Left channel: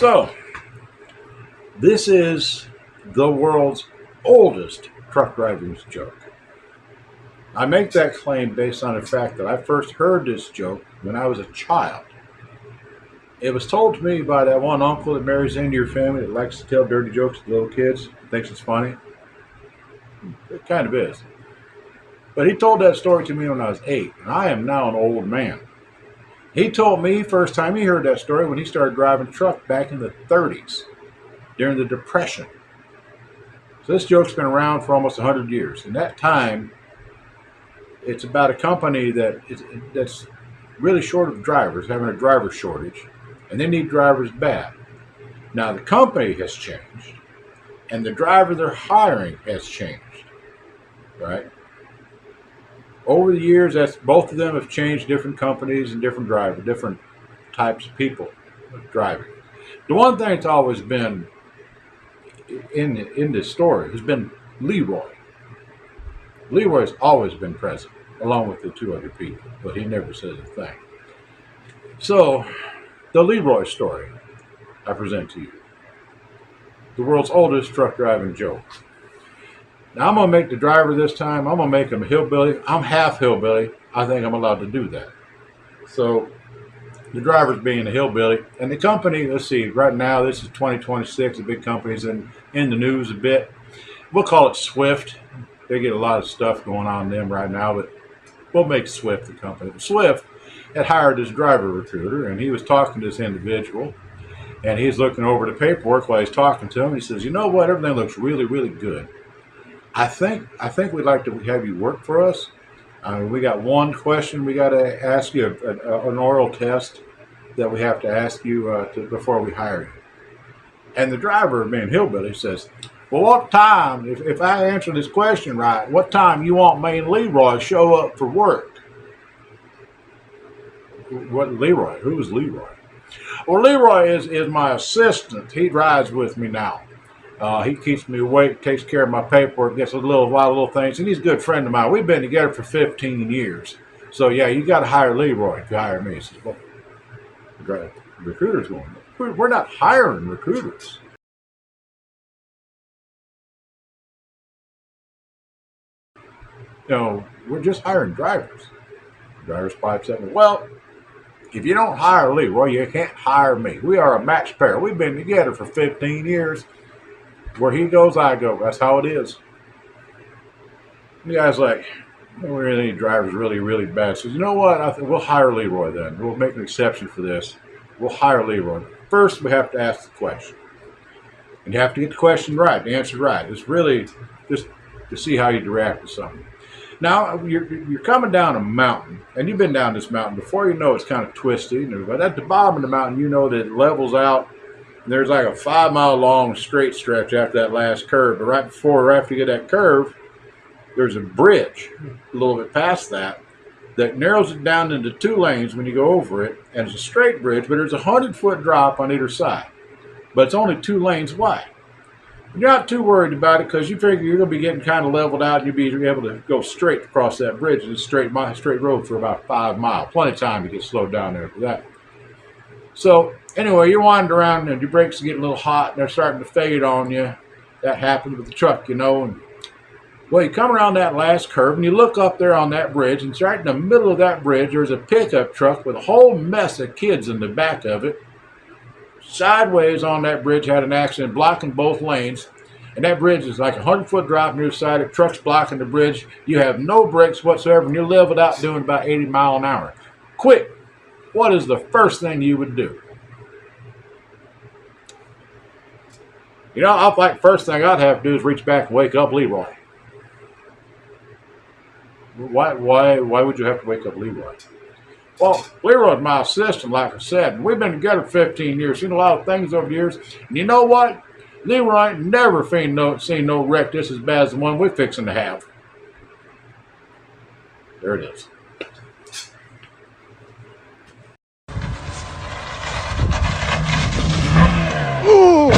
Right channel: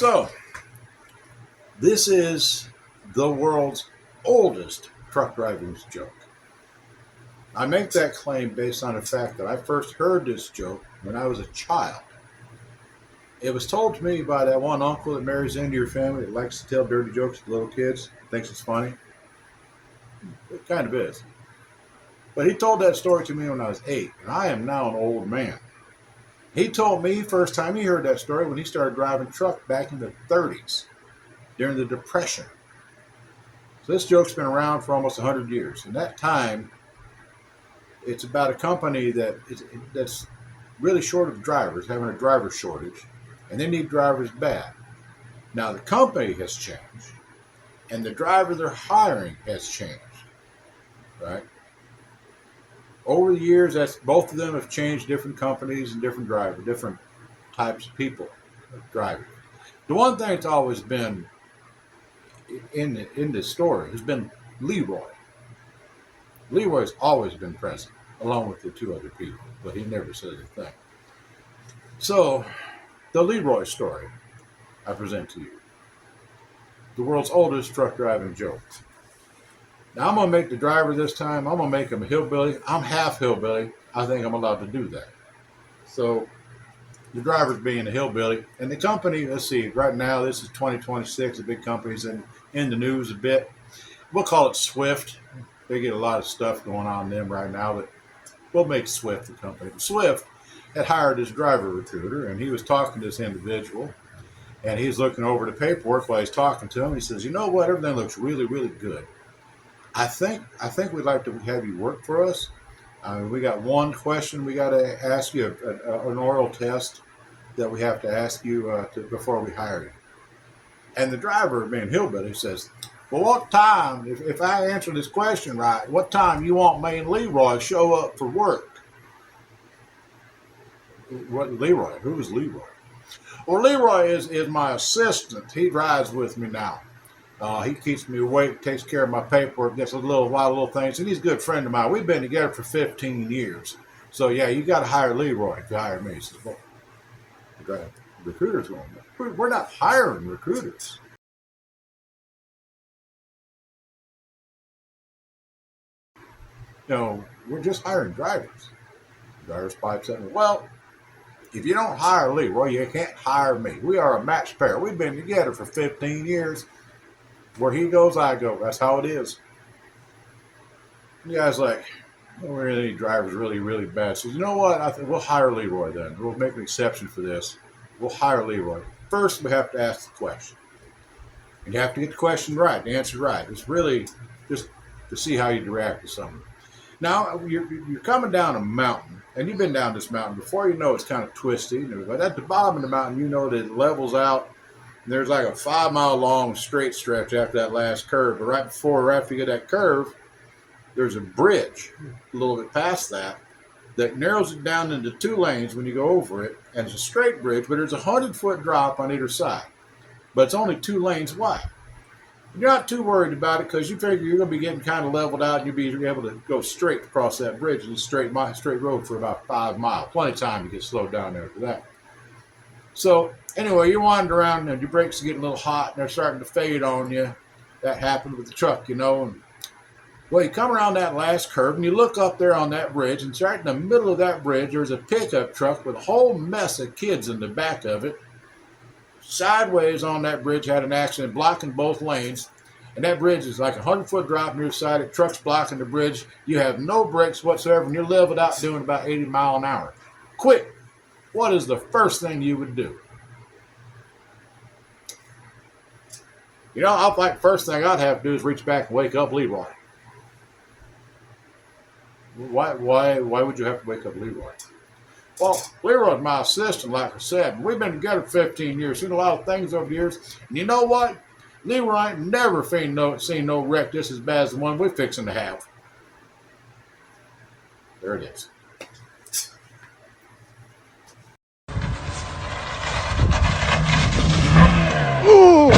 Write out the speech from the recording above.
So, this is the world's oldest truck driving joke. I make that claim based on the fact that I first heard this joke when I was a child. It was told to me by that one uncle that marries into your family that likes to tell dirty jokes to little kids, thinks it's funny. It kind of is. But he told that story to me when I was 8, and I am now an old man. He told me first time he heard that story when he started driving a truck back in the 30s during the Depression. So this joke's been around for almost 100 years. In that time, it's about a company that's really short of drivers, having a driver shortage, and they need drivers bad. Now the company has changed, and the driver they're hiring has changed, right? Over the years, that's both of them have changed, different companies and different drivers, different types of people driving. The one thing that's always been in this story has been Leroy. Leroy's always been present, along with the two other people, but he never says a thing. So, the Leroy story I present to you. The world's oldest truck driving joke. Now, I'm going to make the driver this time, I'm going to make him a hillbilly. I'm half hillbilly. I think I'm allowed to do that. So, the driver's being a hillbilly. And the company, let's see, right now, this is 2026. The big company's in the news a bit. We'll call it Swift. They get a lot of stuff going on in them right now, but we'll make Swift the company. But Swift had hired this driver recruiter, and he was talking to this individual, and he's looking over the paperwork while he's talking to him. He says, "You know what? Everything looks really, really good. I think we'd like to have you work for us. We got one question we got to ask you, an oral test that we have to ask you before we hire you." And the driver, being hillbilly, says, "Well, what time, if I answer this question right, what time you want me and Leroy to show up for work?" What, Leroy? Who is Leroy? "Well, Leroy is my assistant. He rides with me now. He keeps me awake, takes care of my paperwork, gets a little things, and he's a good friend of mine. We've been together for 15 years. So, yeah, you got to hire Leroy if you hire me." He says, "Well, the recruiter's going, we're not hiring recruiters." We're just hiring drivers. The driver's pipes up, "Well, if you don't hire Leroy, you can't hire me. We are a match pair. We've been together for 15 years. Where he goes, I go. That's how it is." And the guy's like, "We really need drivers really, really bad." So, "You know what? I think we'll hire Leroy then. We'll make an exception for this. We'll hire Leroy. First, we have to ask the question. And you have to get the question right, the answer right. It's really just to see how you react to something. Now, you're coming down a mountain, and you've been down this mountain before. You know it's kind of twisty. But at the bottom of the mountain, you know that it levels out. And there's like a 5-mile long straight stretch after that last curve. But right before or after you get that curve, there's a bridge a little bit past that narrows it down into 2 lanes when you go over it. And it's a straight bridge, but there's a 100-foot drop on either side. But it's only 2 lanes wide. You're not too worried about it because you figure you're going to be getting kind of leveled out and you'll be able to go straight across that bridge. And it's straight road for about 5 miles. Plenty of time to get slowed down there for that. So anyway, you're winding around and your brakes are getting a little hot and they're starting to fade on you. That happened with the truck, And, well, you come around that last curve and you look up there on that bridge, and right in the middle of that bridge, there's a pickup truck with a whole mess of kids in the back of it. Sideways on that bridge, had an accident blocking both lanes. And that bridge is like a 100-foot drop on your side. The truck's blocking the bridge. You have no brakes whatsoever, and you're leveled out doing about 80 miles an hour. Quick, what is the first thing you would do? I think first thing I'd have to do is reach back and wake up Leroy. Why would you have to wake up Leroy? Well, Leroy's my assistant, like I said, and we've been together for 15 years, seen a lot of things over the years. And you know what? Leroy never seen no wreck just as bad as the one we're fixing to have. There it is. Oh!